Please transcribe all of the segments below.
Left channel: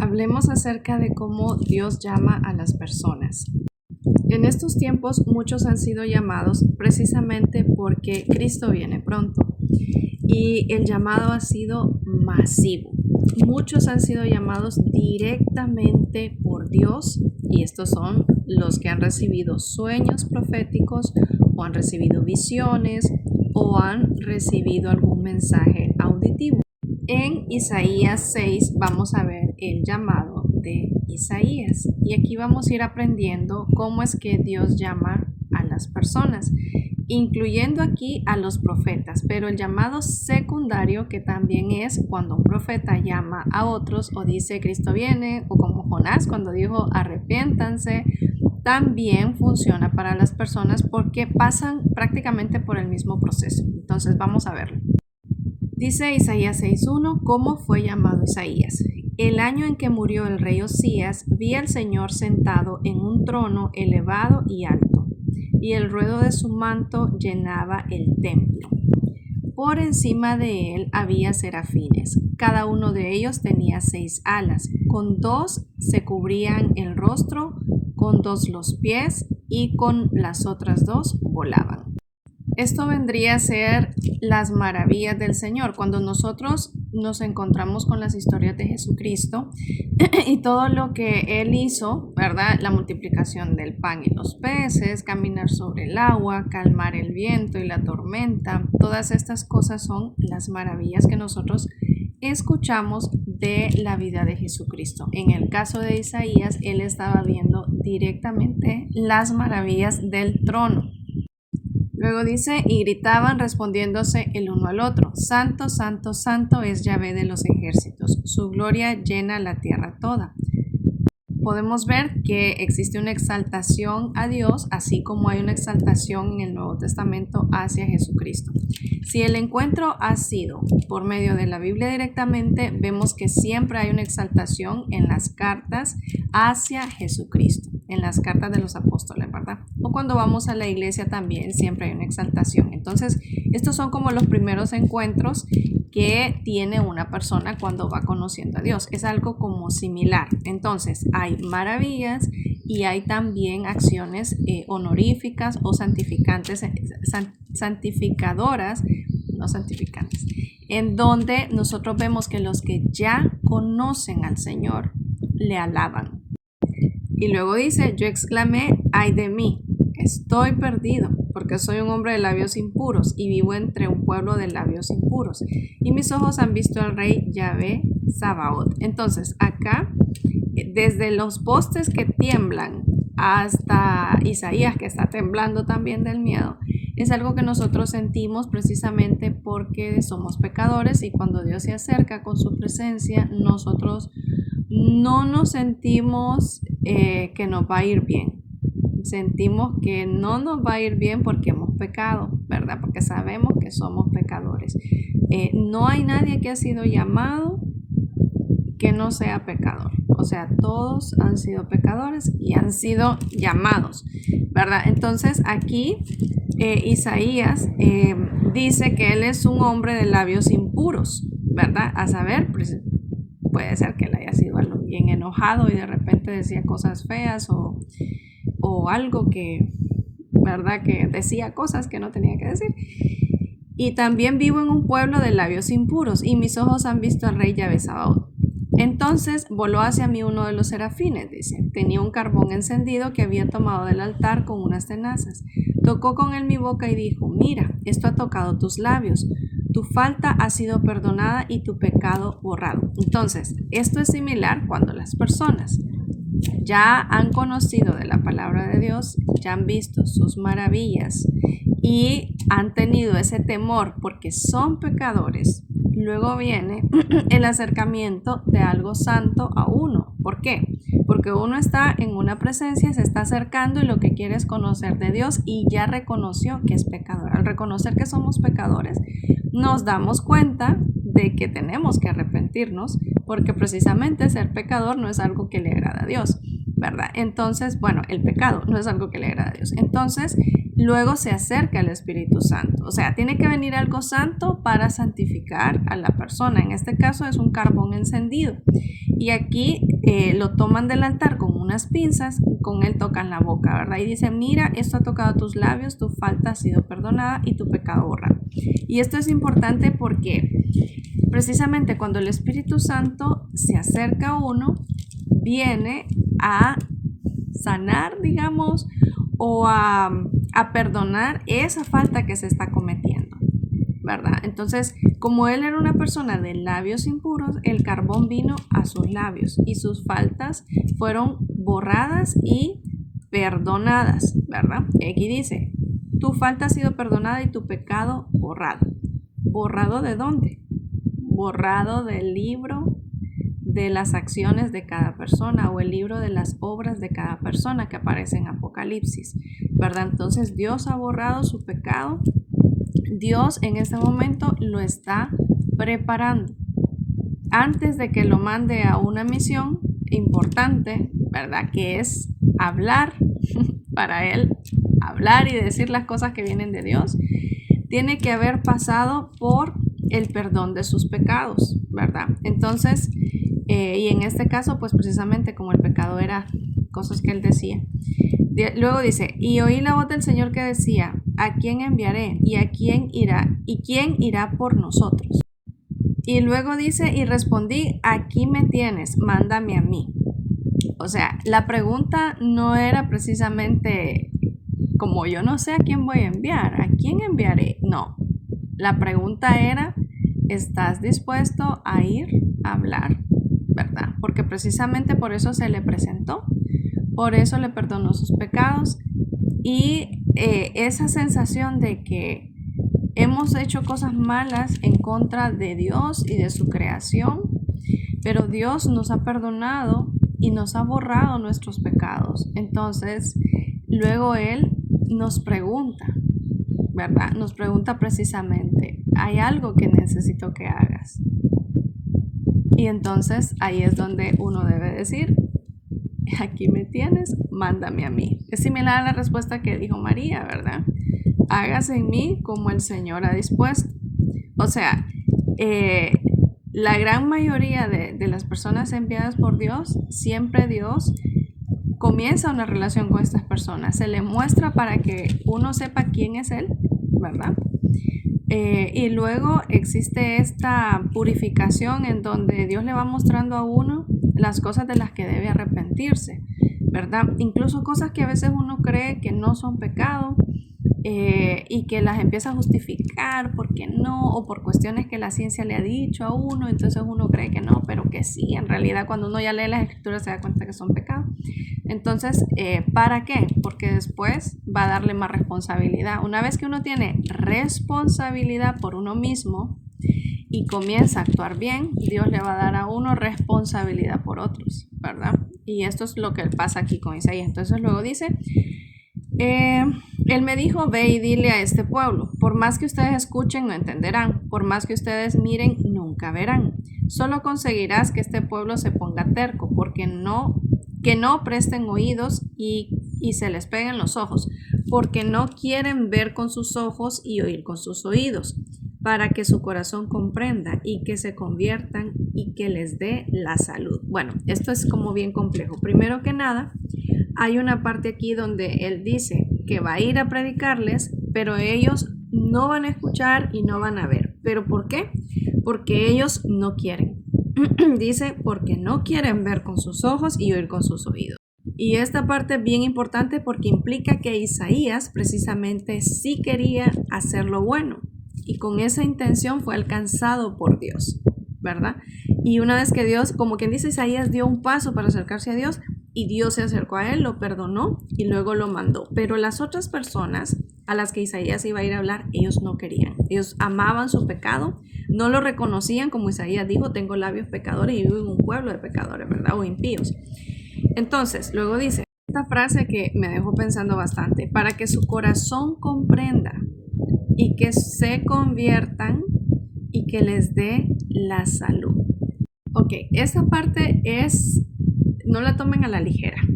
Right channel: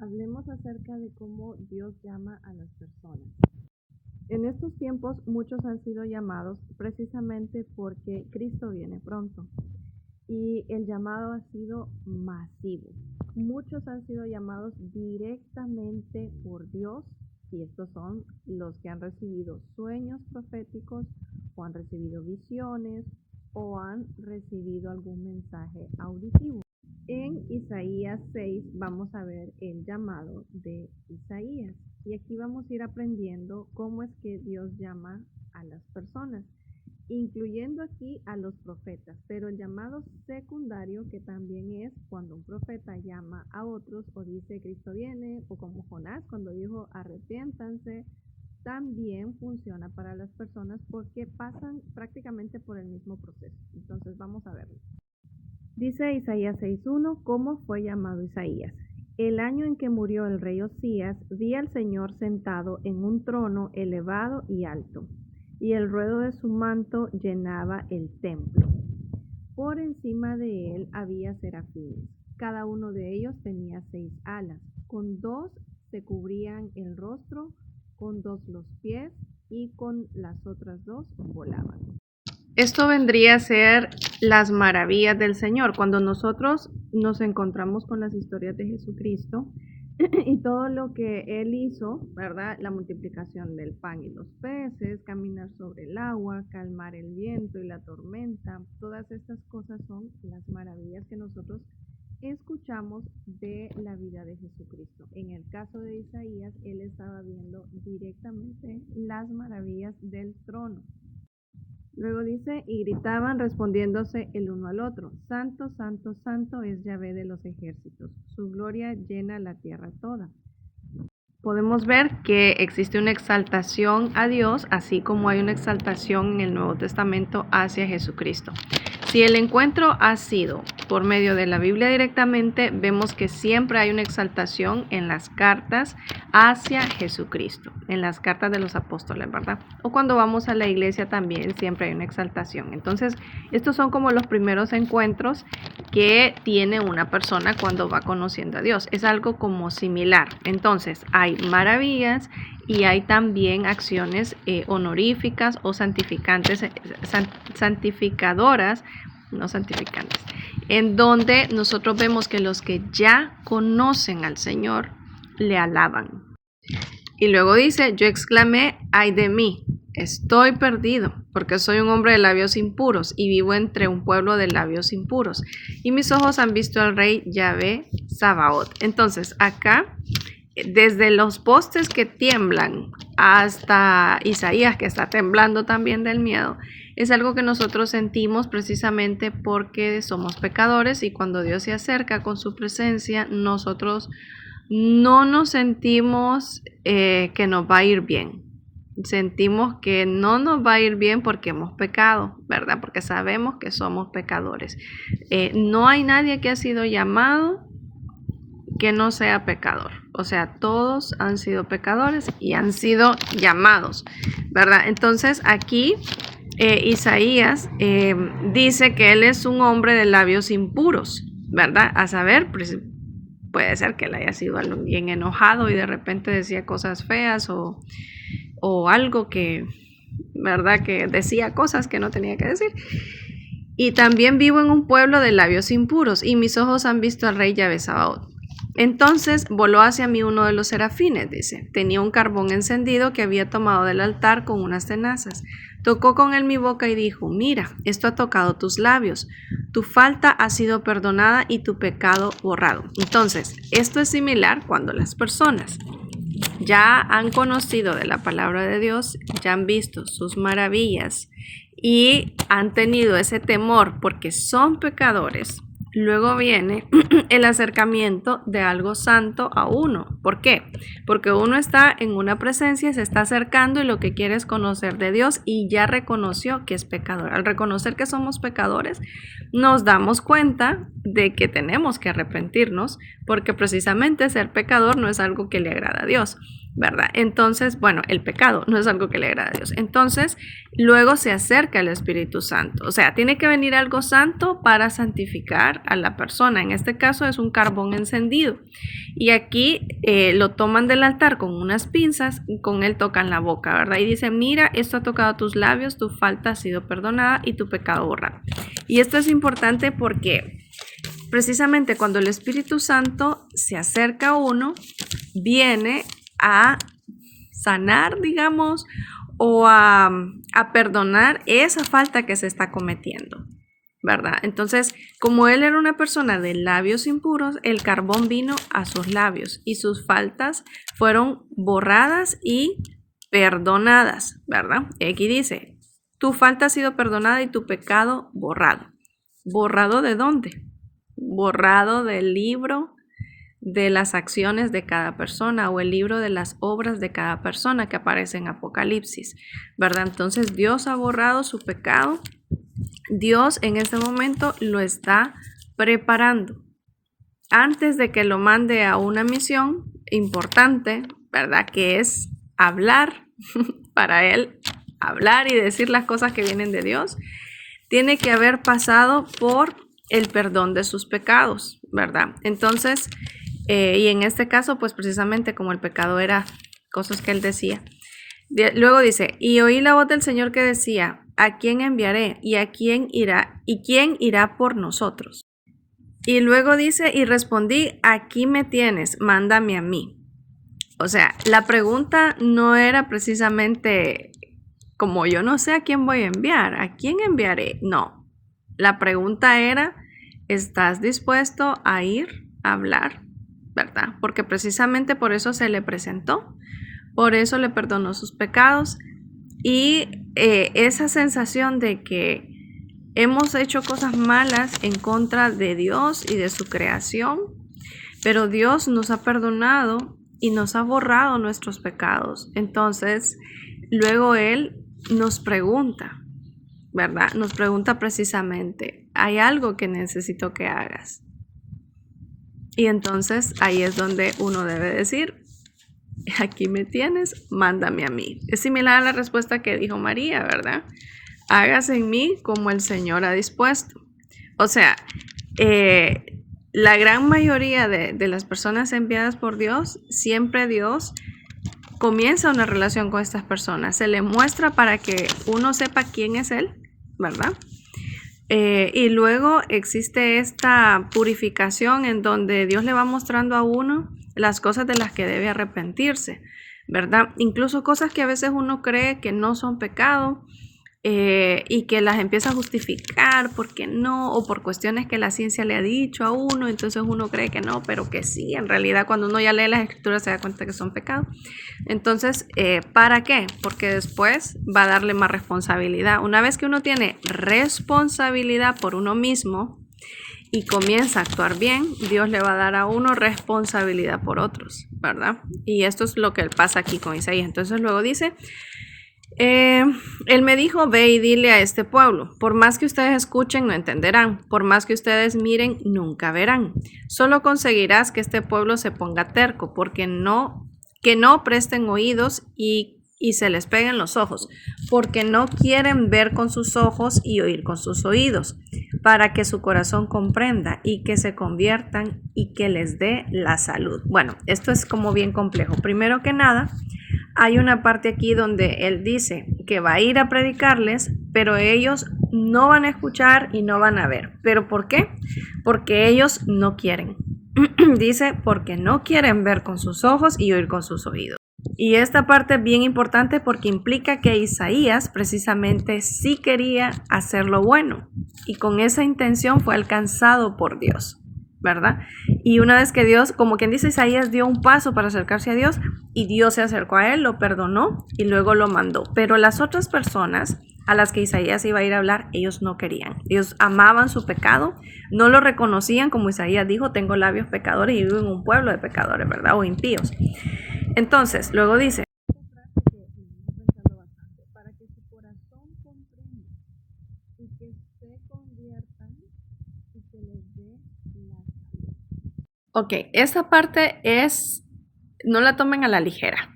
Hablemos acerca de cómo Dios llama a las personas. En estos tiempos muchos han sido llamados precisamente porque Cristo viene pronto y el llamado ha sido masivo. Muchos han sido llamados directamente por Dios y estos son los que han recibido sueños proféticos o han recibido visiones o han recibido algún mensaje auditivo. En Isaías 6 vamos a ver el llamado de Isaías y aquí vamos a ir aprendiendo cómo es que Dios llama a las personas, incluyendo aquí a los profetas, pero el llamado secundario, que también es cuando un profeta llama a otros o dice Cristo viene, o como Jonás cuando dijo arrepiéntanse, también funciona para las personas porque pasan prácticamente por el mismo proceso. Entonces vamos a verlo. Dice Isaías 6:1, ¿cómo fue llamado Isaías? El año en que murió el rey Osías, vi al Señor sentado en un trono elevado y alto, y el ruedo de su manto llenaba el templo. Por encima de él había serafines, cada uno de ellos tenía 6 alas, con 2 se cubrían el rostro, con 2 los pies, y con las otras 2 volaban. Esto vendría a ser las maravillas del Señor. Cuando nosotros nos encontramos con las historias de Jesucristo y todo lo que Él hizo, ¿verdad? La multiplicación del pan y los peces, caminar sobre el agua, calmar el viento y la tormenta, todas estas cosas son las maravillas que nosotros escuchamos de la vida de Jesucristo. En el caso de Isaías, él estaba viendo directamente las maravillas del trono. Luego dice, y gritaban respondiéndose el uno al otro, Santo, Santo, Santo es Yahvé de los ejércitos, su gloria llena la tierra toda. Podemos ver que existe una exaltación a Dios, así como hay una exaltación en el Nuevo Testamento hacia Jesucristo. Si el encuentro ha sido por medio de la Biblia directamente, vemos que siempre hay una exaltación en las cartas hacia Jesucristo, en las cartas de los apóstoles, ¿verdad? O cuando vamos a la iglesia también siempre hay una exaltación. Entonces, estos son como los primeros encuentros que tiene una persona cuando va conociendo a Dios. Es algo como similar. Entonces, hay maravillas y hay también acciones honoríficas o santificadoras, no santificantes, en donde nosotros vemos que los que ya conocen al Señor le alaban. Y luego dice, yo exclamé, ay de mí, estoy perdido, porque soy un hombre de labios impuros y vivo entre un pueblo de labios impuros. Y mis ojos han visto al rey Yahvé Sabaoth. Entonces, acá, desde los postes que tiemblan hasta Isaías, que está temblando también del miedo, es algo que nosotros sentimos precisamente porque somos pecadores y cuando Dios se acerca con su presencia, nosotros no nos sentimos que nos va a ir bien. Sentimos que no nos va a ir bien porque hemos pecado, ¿verdad? Porque sabemos que somos pecadores. No hay nadie que ha sido llamado que no sea pecador. O sea, todos han sido pecadores y han sido llamados, ¿verdad? Entonces aquí Isaías dice que él es un hombre de labios impuros, ¿verdad? A saber, puede ser que él haya sido bien enojado y de repente decía cosas feas o algo que, ¿verdad? Que decía cosas que no tenía que decir. Y también vivo en un pueblo de labios impuros y mis ojos han visto al rey Yahvé Sabaoth. Entonces voló hacia mí uno de los serafines, dice. Tenía un carbón encendido que había tomado del altar con unas tenazas. Tocó con él mi boca y dijo, mira, esto ha tocado tus labios. Tu falta ha sido perdonada y tu pecado borrado. Entonces, esto es similar cuando las personas ya han conocido de la palabra de Dios, ya han visto sus maravillas y han tenido ese temor porque son pecadores. Luego viene el acercamiento de algo santo a uno. ¿Por qué? Porque uno está en una presencia, se está acercando y lo que quiere es conocer de Dios y ya reconoció que es pecador. Al reconocer que somos pecadores, nos damos cuenta de que tenemos que arrepentirnos porque precisamente ser pecador no es algo que le agrada a Dios. ¿verdad? Entonces, bueno, el pecado no es algo que le agrada a Dios. Entonces, luego se acerca el Espíritu Santo. O sea, tiene que venir algo santo para santificar a la persona. En este caso es un carbón encendido. Y aquí lo toman del altar con unas pinzas y con él tocan la boca, ¿verdad? Y dicen, mira, esto ha tocado tus labios, tu falta ha sido perdonada y tu pecado borrado. Y esto es importante porque precisamente cuando el Espíritu Santo se acerca a uno, viene a sanar, digamos, o a perdonar esa falta que se está cometiendo, ¿verdad? Entonces, como él era una persona de labios impuros, el carbón vino a sus labios y sus faltas fueron borradas y perdonadas, ¿verdad? Y aquí dice, tu falta ha sido perdonada y tu pecado borrado. ¿Borrado de dónde? Borrado del libro de las acciones de cada persona o el libro de las obras de cada persona que aparece en Apocalipsis, ¿verdad? Entonces Dios ha borrado su pecado. Dios en este momento lo está preparando antes de que lo mande a una misión importante, ¿verdad? Que es hablar para él, hablar y decir las cosas que vienen de Dios. Tiene que haber pasado por el perdón de sus pecados, ¿verdad? Entonces, y en este caso, pues precisamente como el pecado era cosas que él decía. Luego dice, y oí la voz del Señor que decía, ¿a quién enviaré? ¿Y a quién irá? ¿Y quién irá por nosotros? Y luego dice, y respondí, aquí me tienes, mándame a mí. O sea, la pregunta no era precisamente como yo no sé a quién voy a enviar, ¿a quién enviaré? No, la pregunta era, ¿estás dispuesto a ir a hablar? ¿Verdad? Porque precisamente por eso se le presentó, por eso le perdonó sus pecados y esa sensación de que hemos hecho cosas malas en contra de Dios y de su creación, pero Dios nos ha perdonado y nos ha borrado nuestros pecados. Entonces, luego Él nos pregunta, ¿verdad? Nos pregunta precisamente, ¿hay algo que necesito que hagas? Y entonces ahí es donde uno debe decir, aquí me tienes, mándame a mí. Es similar a la respuesta que dijo María, ¿verdad? Hágase en mí como el Señor ha dispuesto. O sea, la gran mayoría de las personas enviadas por Dios, siempre Dios comienza una relación con estas personas. Se le muestra para que uno sepa quién es Él, ¿verdad? Y luego existe esta purificación en donde Dios le va mostrando a uno las cosas de las que debe arrepentirse, ¿verdad? Incluso cosas que a veces uno cree que no son pecado y que las empieza a justificar porque no, o por cuestiones que la ciencia le ha dicho a uno, entonces uno cree que no, pero que sí. En realidad, cuando uno ya lee las escrituras se da cuenta que son pecados. Entonces, ¿para qué? Porque después va a darle más responsabilidad. Una vez que uno tiene responsabilidad por uno mismo y comienza a actuar bien, Dios le va a dar a uno responsabilidad por otros, ¿verdad? Y esto es lo que pasa aquí con Isaías. Entonces luego dice, él me dijo, ve y dile a este pueblo, por más que ustedes escuchen no entenderán, por más que ustedes miren nunca verán, solo conseguirás que este pueblo se ponga terco, porque que no presten oídos y se les peguen los ojos, porque no quieren ver con sus ojos y oír con sus oídos, para que su corazón comprenda y que se conviertan y que les dé la salud. Bueno, esto es como bien complejo. Primero que nada, hay una parte aquí donde él dice que va a ir a predicarles, pero ellos no van a escuchar y no van a ver. ¿Pero por qué? Porque ellos no quieren. Dice, porque no quieren ver con sus ojos y oír con sus oídos. Y esta parte es bien importante porque implica que Isaías precisamente sí quería hacer lo bueno y con esa intención fue alcanzado por Dios, ¿verdad? Y una vez que Dios, como quien dice, Isaías dio un paso para acercarse a Dios y Dios se acercó a él, lo perdonó y luego lo mandó. Pero las otras personas a las que Isaías iba a ir a hablar, ellos no querían. Ellos amaban su pecado, no lo reconocían, como Isaías dijo, tengo labios pecadores y vivo en un pueblo de pecadores, ¿verdad? O impíos. Entonces, luego dice esta frase que me dejó pensando bastante, para que su corazón comprenda y que se conviertan y que les dé la salud. Ok, esta parte no la tomen a la ligera,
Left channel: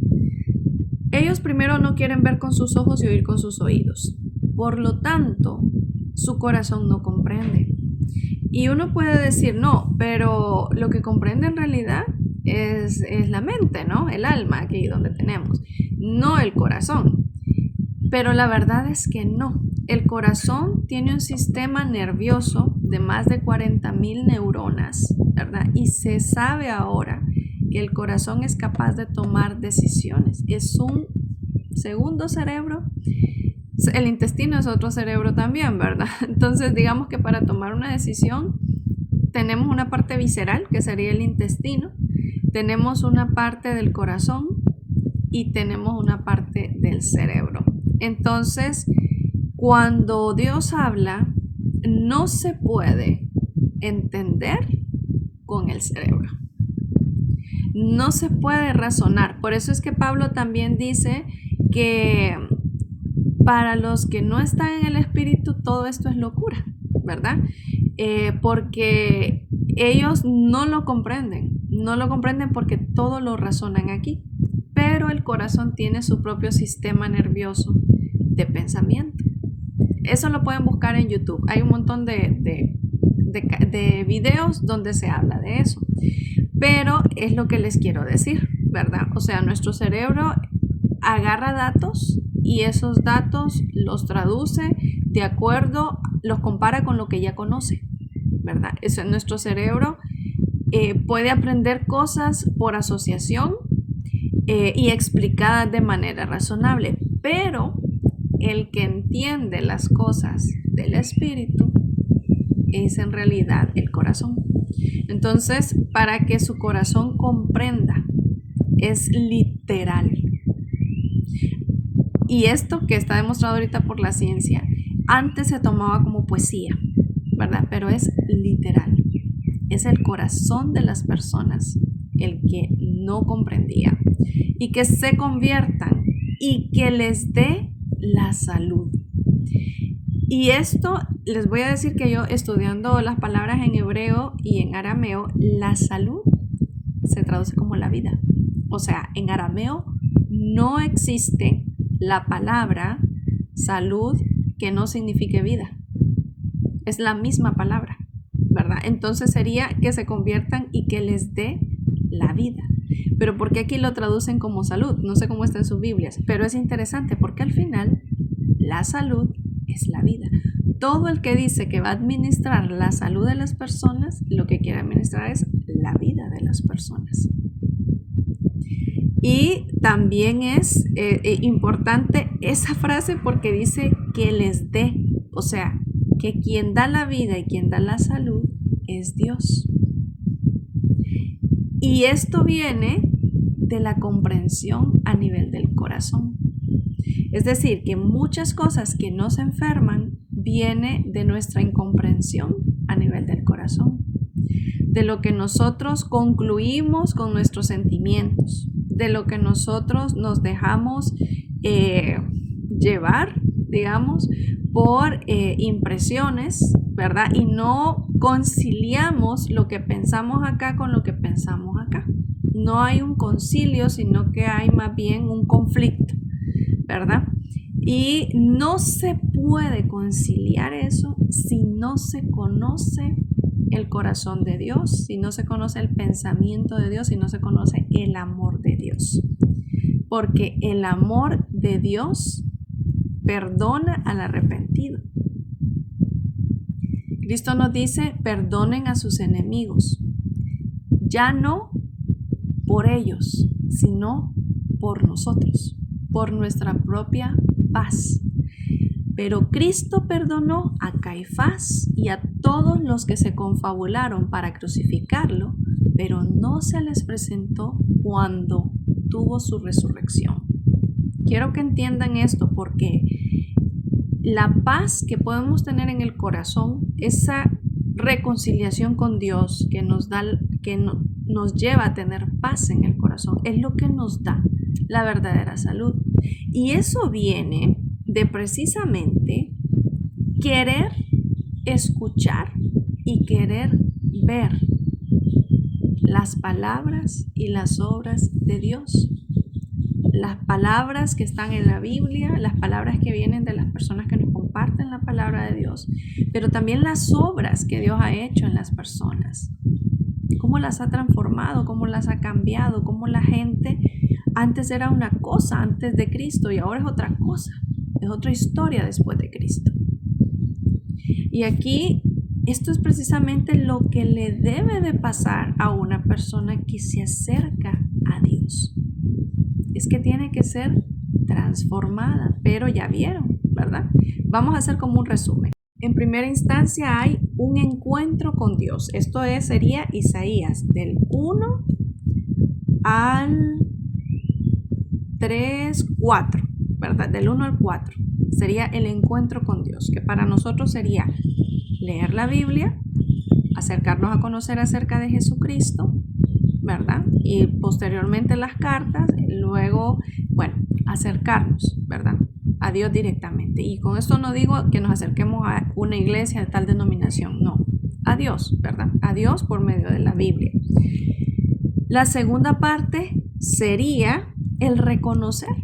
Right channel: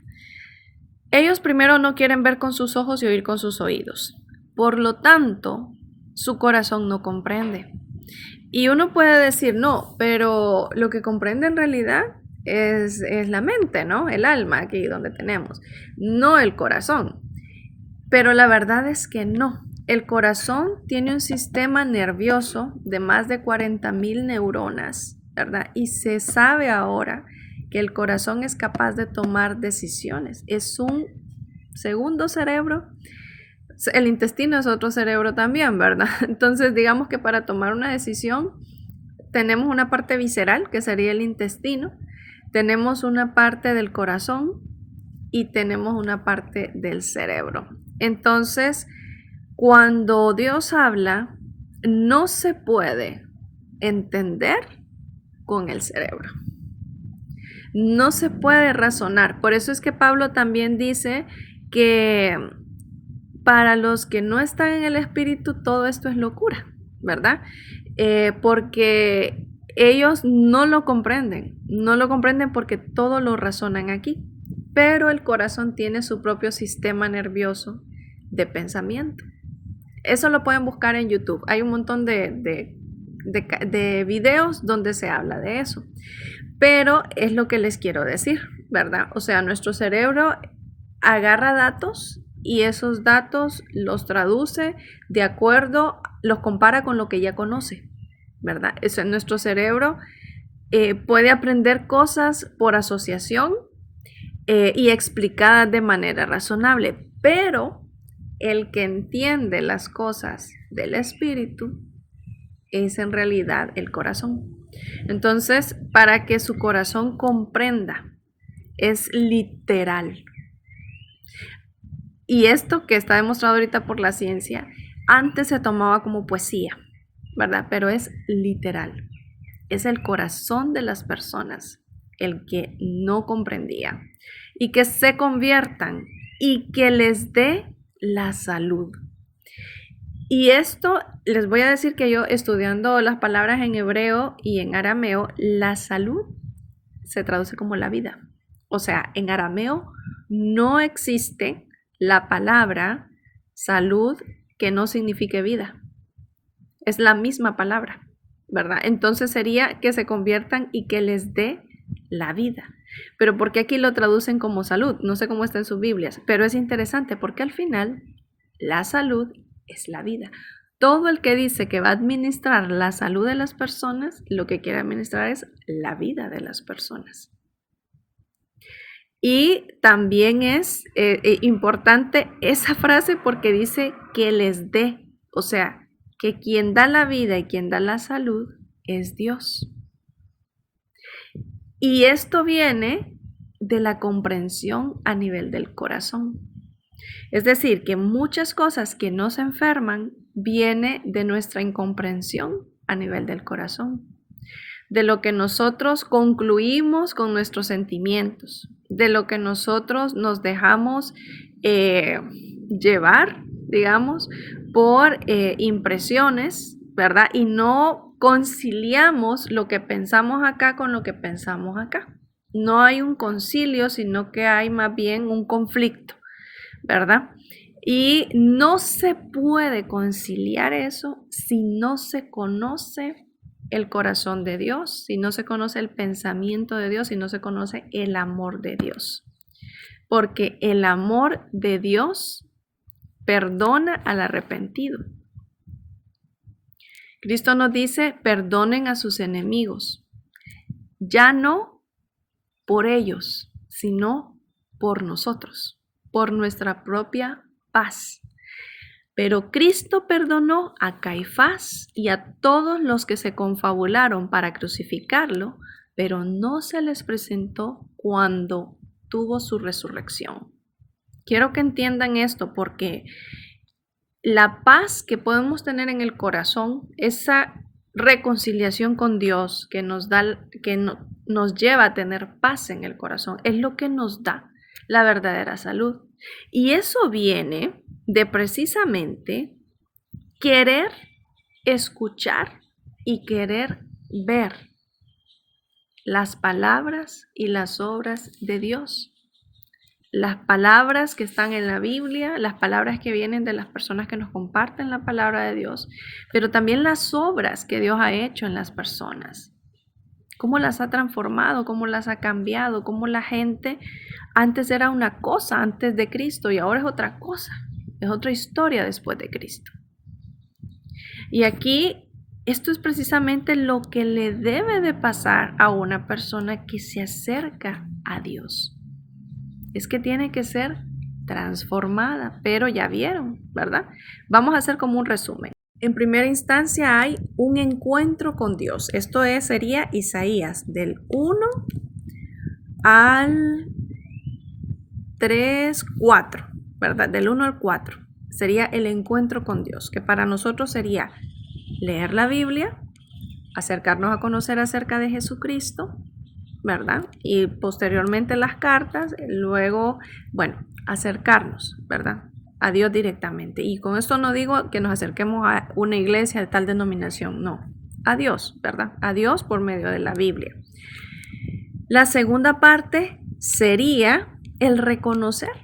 Ellos primero no quieren ver con sus ojos y oír con sus oídos. Por lo tanto, su corazón no comprende. Y uno puede decir, no, pero lo que comprende en realidad es la mente, ¿no? El alma aquí donde tenemos, no el corazón. Pero la verdad es que no. El corazón tiene un sistema nervioso de más de 40,000 neuronas, ¿verdad? Y se sabe ahora que el corazón es capaz de tomar decisiones. Es un segundo cerebro. El intestino es otro cerebro también, ¿verdad? Entonces, digamos que para tomar una decisión tenemos una parte visceral, que sería el intestino, tenemos una parte del corazón y tenemos una parte del cerebro. Entonces, cuando Dios habla, no se puede entender con el cerebro. No se puede razonar. Por eso es que Pablo también dice que para los que no están en el Espíritu, todo esto es locura, ¿verdad? Porque ellos no lo comprenden porque todo lo razonan aquí, pero el corazón tiene su propio sistema nervioso de pensamiento. Eso lo pueden buscar en YouTube, hay un montón de videos donde se habla de eso, pero es lo que les quiero decir, ¿verdad? O sea, nuestro cerebro agarra datos y esos datos los traduce de acuerdo, los compara con lo que ya conoce, ¿verdad? Nuestro cerebro puede aprender cosas por asociación y explicadas de manera razonable, pero el que entiende las cosas del espíritu es en realidad el corazón. Entonces, para que su corazón comprenda, es literal. Y esto que está demostrado ahorita por la ciencia, antes se tomaba como poesía, ¿verdad? Pero es literal. Es el corazón de las personas el que no comprendía. Y que se conviertan y que les dé la salud. Y esto les voy a decir que yo, estudiando las palabras en hebreo y en arameo, la salud se traduce como la vida. O sea, en arameo no existe la palabra salud que no signifique vida. Es la misma palabra, ¿verdad? Entonces sería que se conviertan y que les dé la vida. Pero ¿por qué aquí lo traducen como salud? No sé cómo está en sus Biblias, pero es interesante porque al final la salud es la vida. Todo el que dice que va a administrar la salud de las personas, lo que quiere administrar es la vida de las personas. Y también es importante esa frase porque dice que les dé, o sea, que quien da la vida y quien da la salud es Dios. Y esto viene de la comprensión a nivel del corazón. Es decir, que muchas cosas que nos enferman viene de nuestra incomprensión a nivel del corazón, de lo que nosotros concluimos con nuestros sentimientos, de lo que nosotros nos dejamos llevar, digamos, por impresiones, ¿verdad? Y no conciliamos lo que pensamos acá con lo que pensamos acá. No hay un concilio, sino que hay más bien un conflicto, ¿verdad? Y no se puede conciliar eso si no se conoce el corazón de Dios, si no se conoce el pensamiento de Dios, si no se conoce el amor de Dios. Porque el amor de Dios perdona al arrepentido. Cristo nos dice, perdonen a sus enemigos, ya no por ellos, sino por nosotros, por nuestra propia paz. Pero Cristo perdonó a Caifás y a todos los que se confabularon para crucificarlo, pero no se les presentó cuando tuvo su resurrección. Quiero que entiendan esto porque la paz que podemos tener en el corazón, esa reconciliación con Dios que nos lleva a tener paz en el corazón, es lo que nos da la verdadera salud. Y eso viene de precisamente querer escuchar y querer ver las palabras y las obras de Dios. las palabras que están en la Biblia, las palabras que vienen de las personas que nos comparten la palabra de Dios, pero también las obras que Dios ha hecho en las personas. Cómo las ha transformado, cómo las ha cambiado, cómo la gente antes era una cosa antes de Cristo y ahora es otra cosa, es otra historia después de Cristo. Y aquí esto es precisamente lo que le debe de pasar a una persona que se acerca a Dios. Es que tiene que ser transformada, pero ya vieron, ¿verdad? Vamos a hacer como un resumen. En primera instancia hay un encuentro con Dios. Esto sería Isaías del 1 al 3, 4, ¿verdad? Del 1 al 4 sería el encuentro con Dios, que para nosotros sería leer la Biblia, acercarnos a conocer acerca de Jesucristo, ¿verdad? Y posteriormente las cartas, luego, acercarnos, ¿verdad? A Dios directamente. Y con esto no digo que nos acerquemos a una iglesia de tal denominación, no. A Dios, ¿verdad? A Dios por medio de la Biblia. La segunda parte sería el reconocer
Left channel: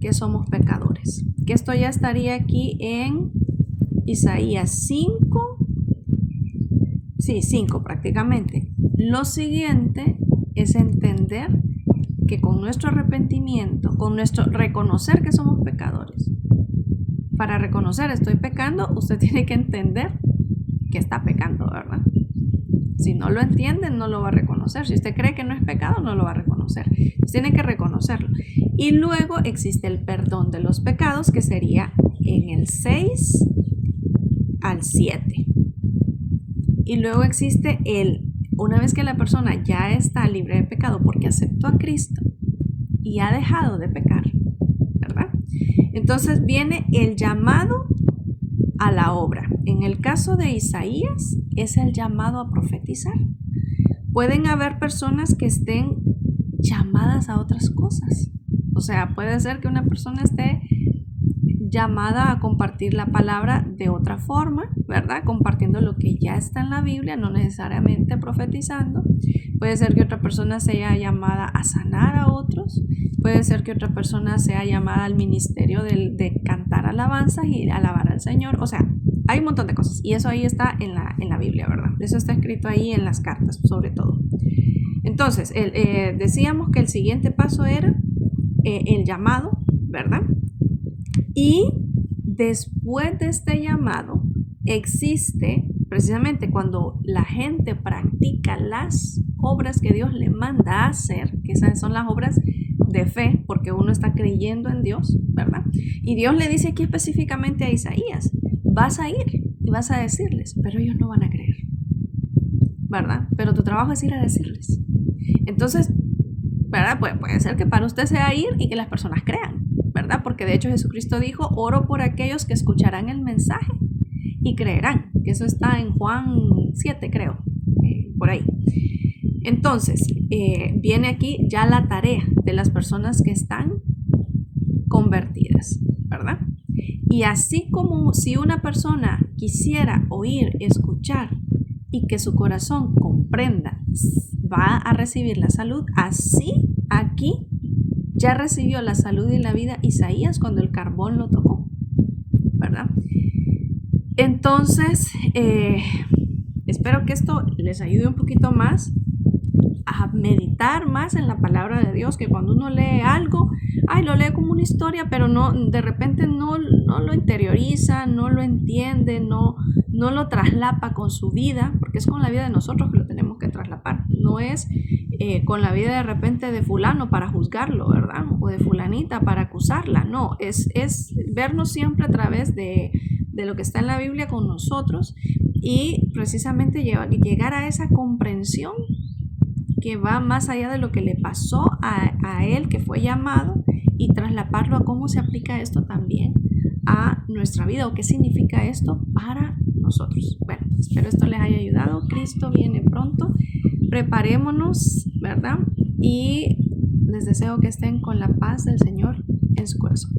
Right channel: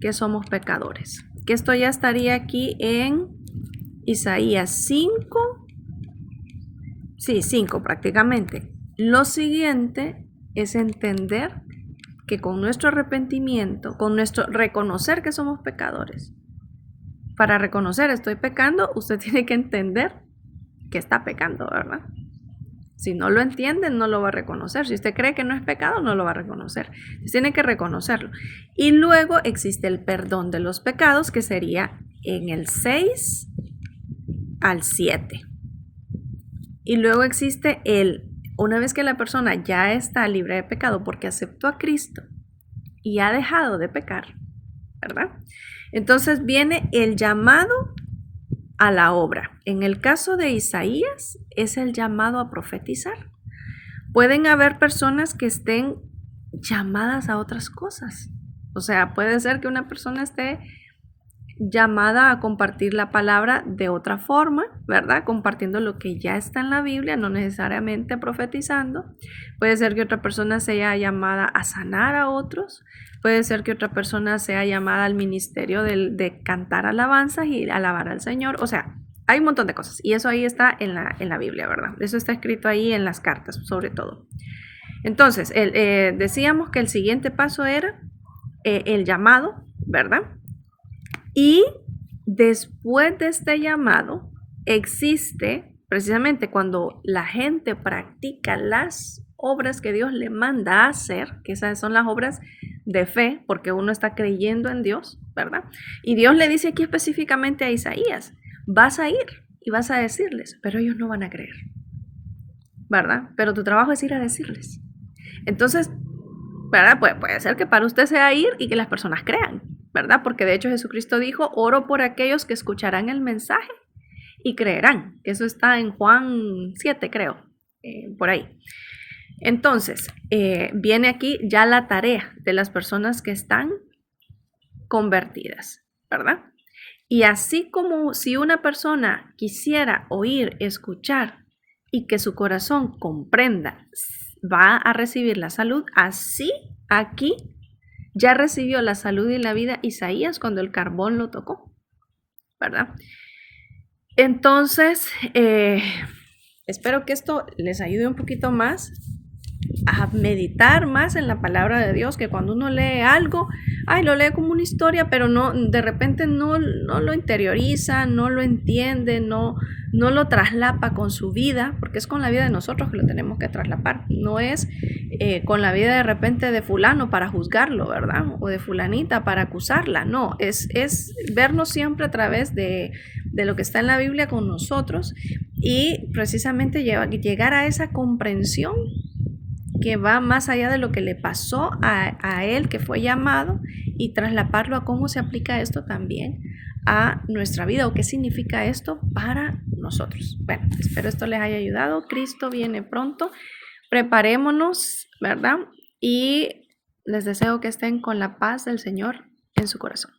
que somos pecadores. Que esto ya estaría aquí en Isaías 5. Sí, 5 prácticamente. Lo siguiente es entender que con nuestro arrepentimiento, con nuestro reconocer que somos pecadores, para reconocer estoy pecando, usted tiene que entender que está pecando, ¿verdad? Si no lo entiende, no lo va a reconocer. Si usted cree que no es pecado, no lo va a reconocer. Usted tiene que reconocerlo. Y luego existe el perdón de los pecados, que sería en el 6 al 7. Y luego existe una vez que la persona ya está libre de pecado porque aceptó a Cristo y ha dejado de pecar, ¿verdad? Entonces viene el llamado a la obra. En el caso de Isaías es el llamado a profetizar. Pueden haber personas que estén llamadas a otras cosas. O sea, puede ser que una persona esté llamada a compartir la palabra de otra forma, ¿verdad? Compartiendo lo que ya está en la Biblia, no necesariamente profetizando. Puede ser que otra persona sea llamada a sanar a otros. Puede ser que otra persona sea llamada al ministerio de cantar alabanzas y alabar al Señor. O sea, hay un montón de cosas. Y eso ahí está en la Biblia, ¿verdad? Eso está escrito ahí en las cartas, sobre todo. Entonces, decíamos que el siguiente paso era el llamado, ¿verdad? Y después de este llamado existe, precisamente cuando la gente practica las obras que Dios le manda a hacer, que esas son las obras de fe, porque uno está creyendo en Dios, ¿verdad? Y Dios le dice aquí específicamente a Isaías, vas a ir y vas a decirles, pero ellos no van a creer, ¿verdad? Pero tu trabajo es ir a decirles. Entonces, ¿verdad? Puede ser que para usted sea ir y que las personas crean, ¿verdad? Porque de hecho Jesucristo dijo, oro por aquellos que escucharán el mensaje y creerán, que eso está en Juan 7, creo, por ahí. Entonces, viene aquí ya la tarea de las personas que están convertidas, ¿verdad? Y así como si una persona quisiera oír, escuchar y que su corazón comprenda, va a recibir la salud, así aquí ya recibió la salud y la vida Isaías cuando el carbón lo tocó, ¿verdad? Entonces, espero que esto les ayude un poquito más a meditar más en la palabra de Dios, que cuando uno lee algo, lo lee como una historia, pero no, de repente no lo interioriza, no lo entiende, no lo traslapa con su vida, porque es con la vida de nosotros que lo tenemos que traslapar, no es con la vida de repente de fulano para juzgarlo, ¿verdad? O de fulanita para acusarla, no, es vernos siempre a través de lo que está en la Biblia con nosotros y precisamente llegar a esa comprensión que va más allá de lo que le pasó a él que fue llamado y traslaparlo a cómo se aplica esto también a nuestra vida o qué significa esto para nosotros. Bueno, espero esto les haya ayudado. Cristo viene pronto. Preparémonos, ¿verdad? Y les deseo que estén con la paz del Señor en su corazón.